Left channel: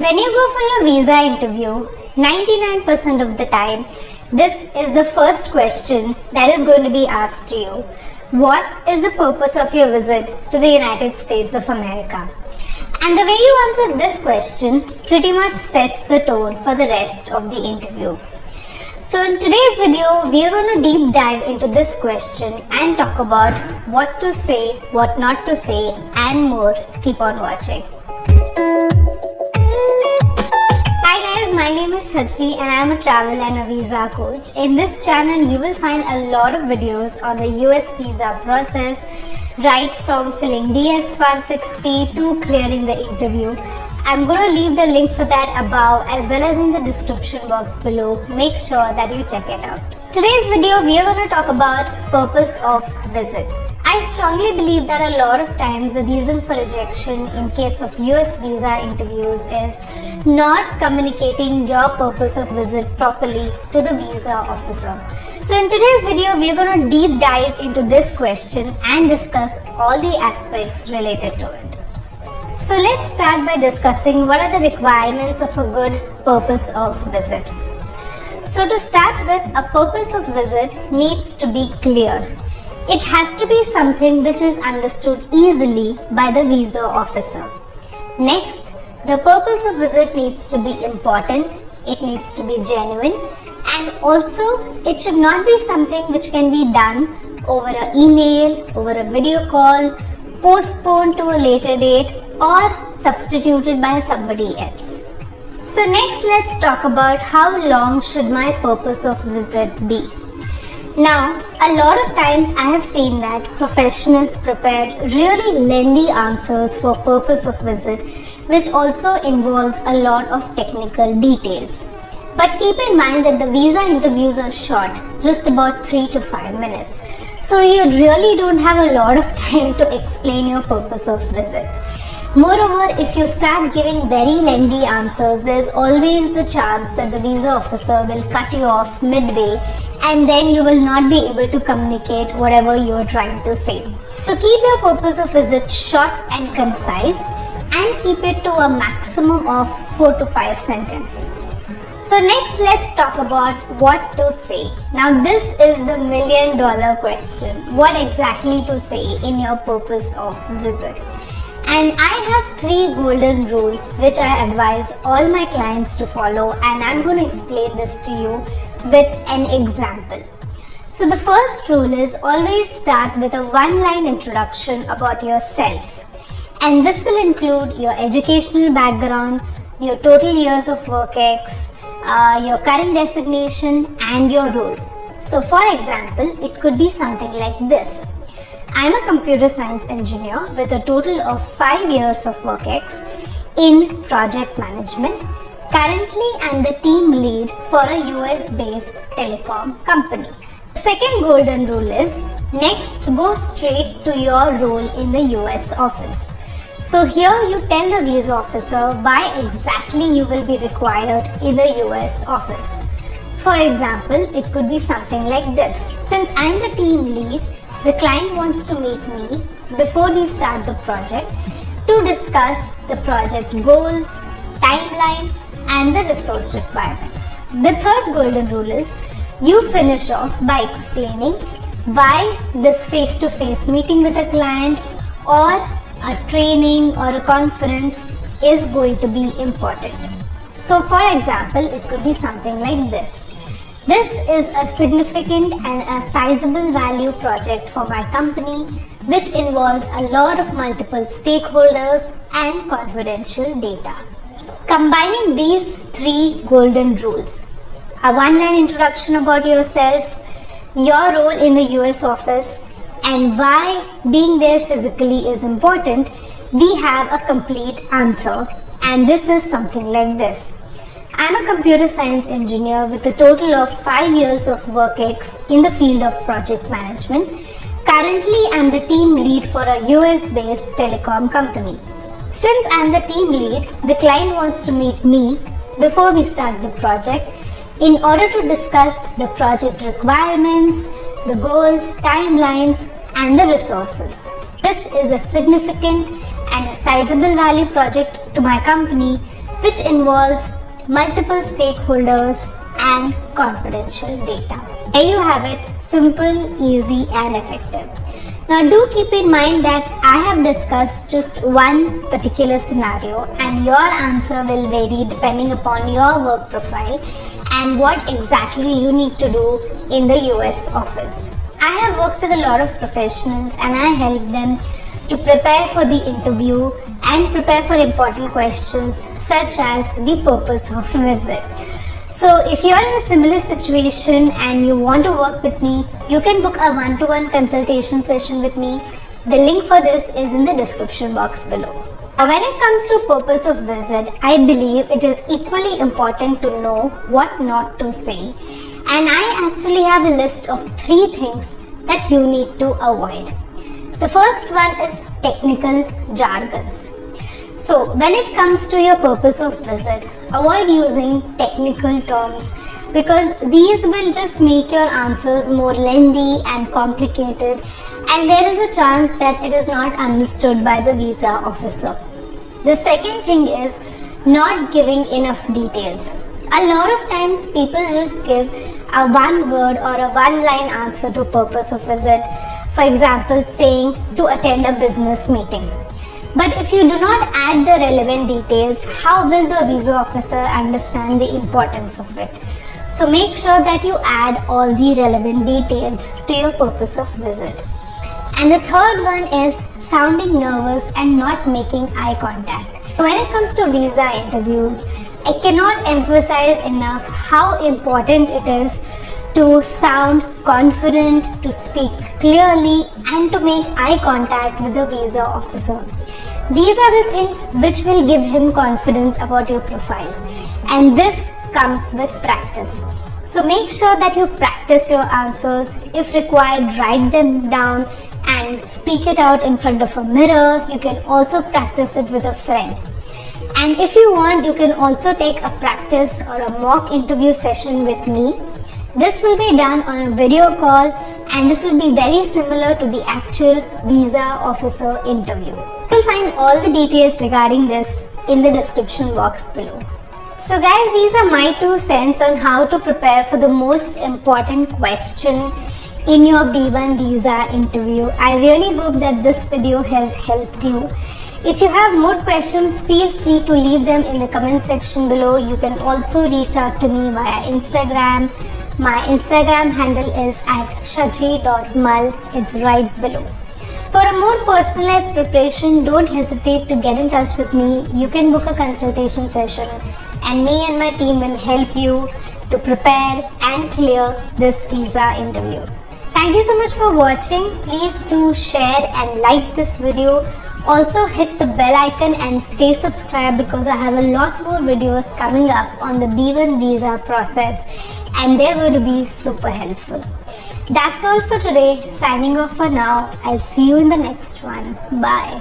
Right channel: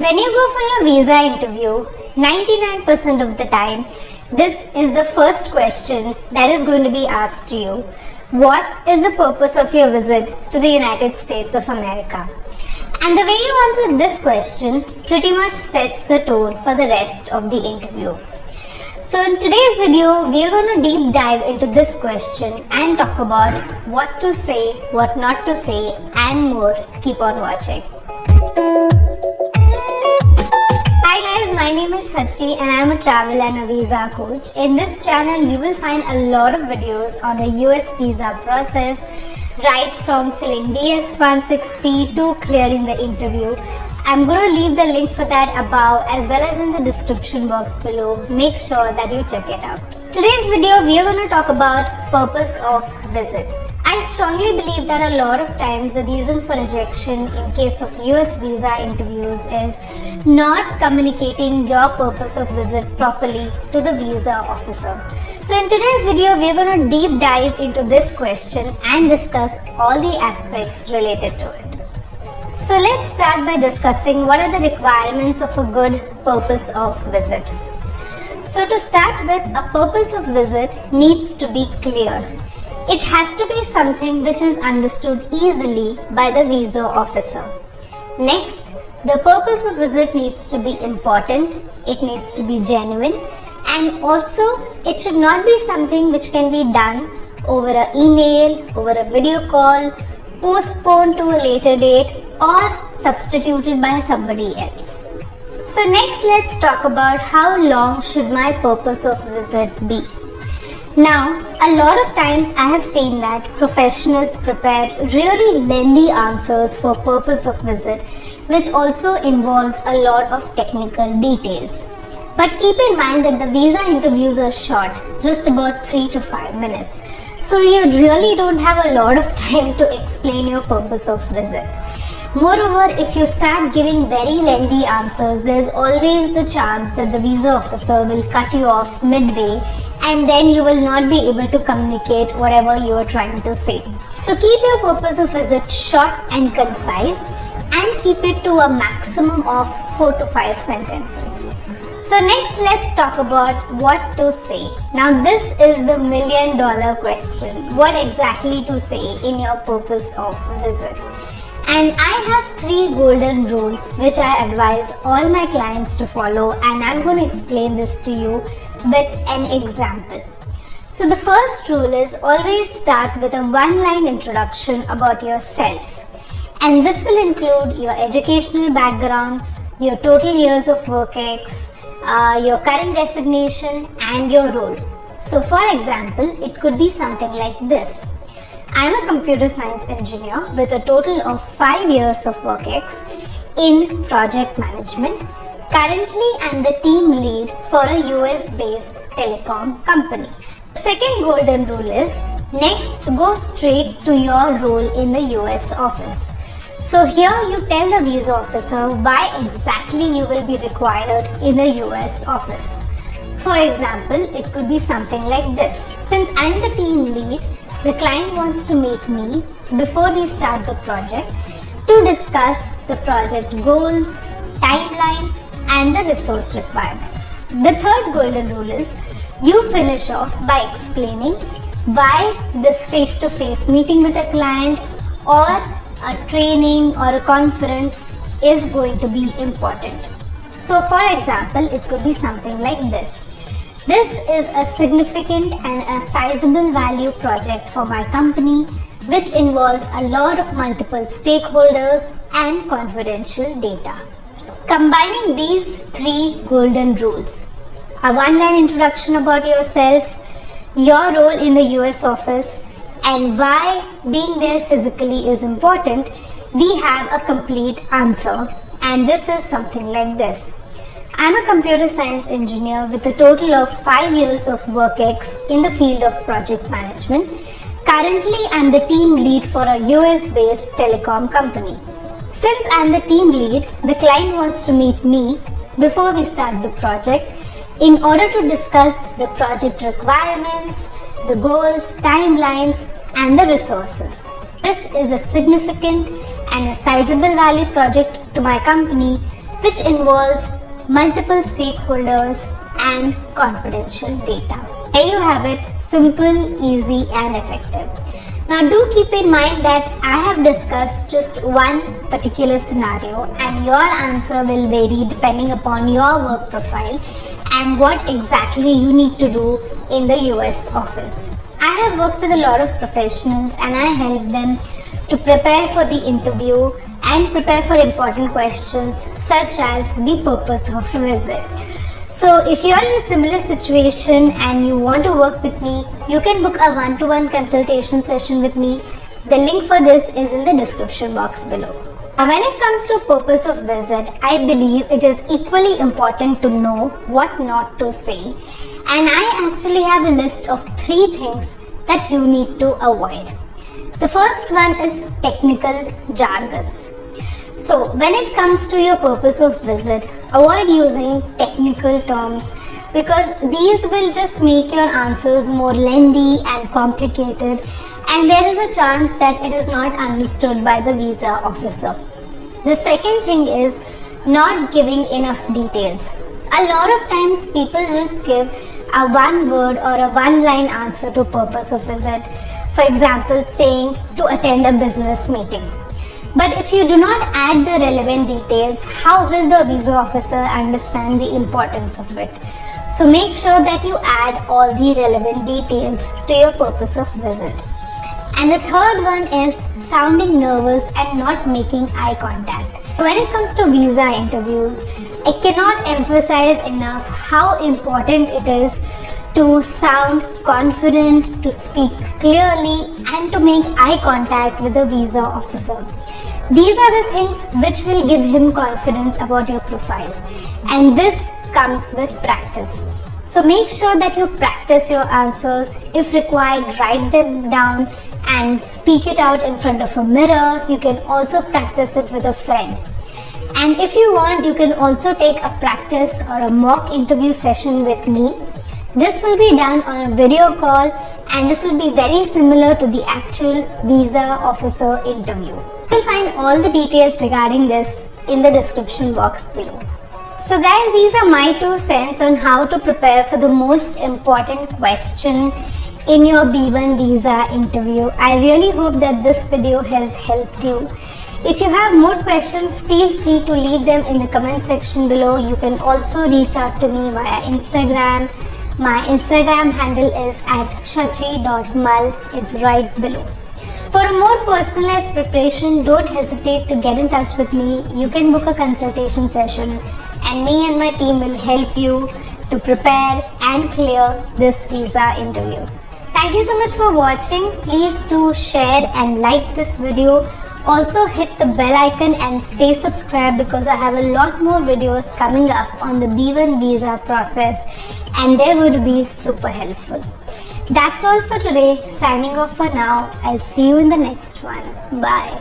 When you go for your visa interview, 99% of the time, this is the first question that is going to be asked to you. What is the purpose of your visit to the United States of America? And the way you answer this question pretty much sets the tone for the rest of the interview. So in today's video, we are going to deep dive into this question and talk about what to say, what not to say, and more. Keep on watching. Hi guys, my name is Shachri and I am a travel and a visa coach. In this channel, you will find a lot of videos on the US visa process, right from filling DS-160 to clearing the interview. I'm going to leave the link for that above as well as in the description box below. Make sure that you check it out. Today's video, we are going to talk about purpose of visit. I strongly believe that a lot of times the reason for rejection in case of US visa interviews is not communicating your purpose of visit properly to the visa officer. So in today's video, we are going to deep dive into this question and discuss all the aspects related to it. So let's start by discussing what are the requirements of a good purpose of visit. So to start with, a purpose of visit needs to be clear. It has to be something which is understood easily by the visa officer. Next, the purpose of visit needs to be important, it needs to be genuine, and also it should not be something which can be done over an email, over a video call, postponed to a later date, or substituted by somebody else. So next, let's talk about how long should my purpose of visit be. Now, a lot of times I have seen that professionals prepare really lengthy answers for purpose of visit, which also involves a lot of technical details. But keep in mind that the visa interviews are short, just about 3 to 5 minutes. So you really don't have a lot of time to explain your purpose of visit. Moreover, if you start giving very lengthy answers, there's always the chance that the visa officer will cut you off midway and then you will not be able to communicate whatever you're trying to say. So keep your purpose of visit short and concise and keep it to a maximum of 4 to 5 sentences. So next, let's talk about what to say. Now this is the $1 million question. What exactly to say in your purpose of visit? And I have 3 golden rules which I advise all my clients to follow, and I'm going to explain this to you with an example. So the first rule is always start with a one-line introduction about yourself. And this will include your educational background, your total years of work ex, your current designation and your role. So for example, it could be something like this. I'm a computer science engineer with a total of 5 years of work ex in project management. Currently, I'm the team lead for a US-based telecom company. Second golden rule is, next go straight to your role in the US office. So here you tell the visa officer why exactly you will be required in the US office. For example, it could be something like this. Since I'm the team lead, the client wants to meet me before we start the project to discuss the project goals, timelines, and the resource requirements. The third golden rule is you finish off by explaining why this face-to-face meeting with a client or a training or a conference is going to be important. So for example, it could be something like this. This is a significant and a sizable value project for my company, which involves a lot of multiple stakeholders and confidential data. Combining these 3 golden rules, a one-line introduction about yourself, your role in the US office, and why being there physically is important, we have a complete answer. And this is something like this. I'm a computer science engineer with a total of 5 years of work ex in the field of project management. Currently, I'm the team lead for a US-based telecom company. Since I'm the team lead, the client wants to meet me before we start the project in order to discuss the project requirements, the goals, timelines, and the resources. This is a significant and a sizable value project to my company, which involves multiple stakeholders and confidential data. There you have it, simple, easy and effective. Now do keep in mind that I have discussed just one particular scenario and your answer will vary depending upon your work profile and what exactly you need to do in the US office. I have worked with a lot of professionals and I help them to prepare for the interview and prepare for important questions such as the purpose of visit. So if you are in a similar situation and you want to work with me, you can book a one-to-one consultation session with me. The link for this is in the description box below. Now, when it comes to purpose of visit, I believe it is equally important to know what not to say. And I actually have a list of 3 things that you need to avoid. The first one is technical jargons. So when it comes to your purpose of visit, avoid using technical terms because these will just make your answers more lengthy and complicated, and there is a chance that it is not understood by the visa officer. The second thing is not giving enough details. A lot of times people just give a one word or a one line answer to purpose of visit. For example, saying to attend a business meeting. But if you do not add the relevant details, how will the visa officer understand the importance of it? So make sure that you add all the relevant details to your purpose of visit. And the third one is sounding nervous and not making eye contact. When it comes to visa interviews, I cannot emphasize enough how important it is to sound confident, to speak clearly and to make eye contact with the visa officer. These are the things which will give him confidence about your profile, and this comes with practice. So make sure that you practice your answers. If required, write them down and speak it out in front of a mirror. You can also practice it with a friend. And if you want, you can also take a practice or a mock interview session with me. This will be done on a video call and this will be very similar to the actual visa officer interview. You will find all the details regarding this in the description box below. So guys, these are my 2 cents on how to prepare for the most important question in your B1 visa interview. I really hope that this video has helped you. If you have more questions, feel free to leave them in the comment section below. You can also reach out to me via Instagram. My Instagram handle is @shachi.mal. It's right below. For a more personalized preparation, don't hesitate to get in touch with me. You can book a consultation session and me and my team will help you to prepare and clear this visa interview. Thank you so much for watching. Please do share and like this video. Also hit the bell icon and stay subscribed because I have a lot more videos coming up on the B1 visa process and they're going to be super helpful. That's all for today. Signing off for now. I'll see you in the next one. Bye.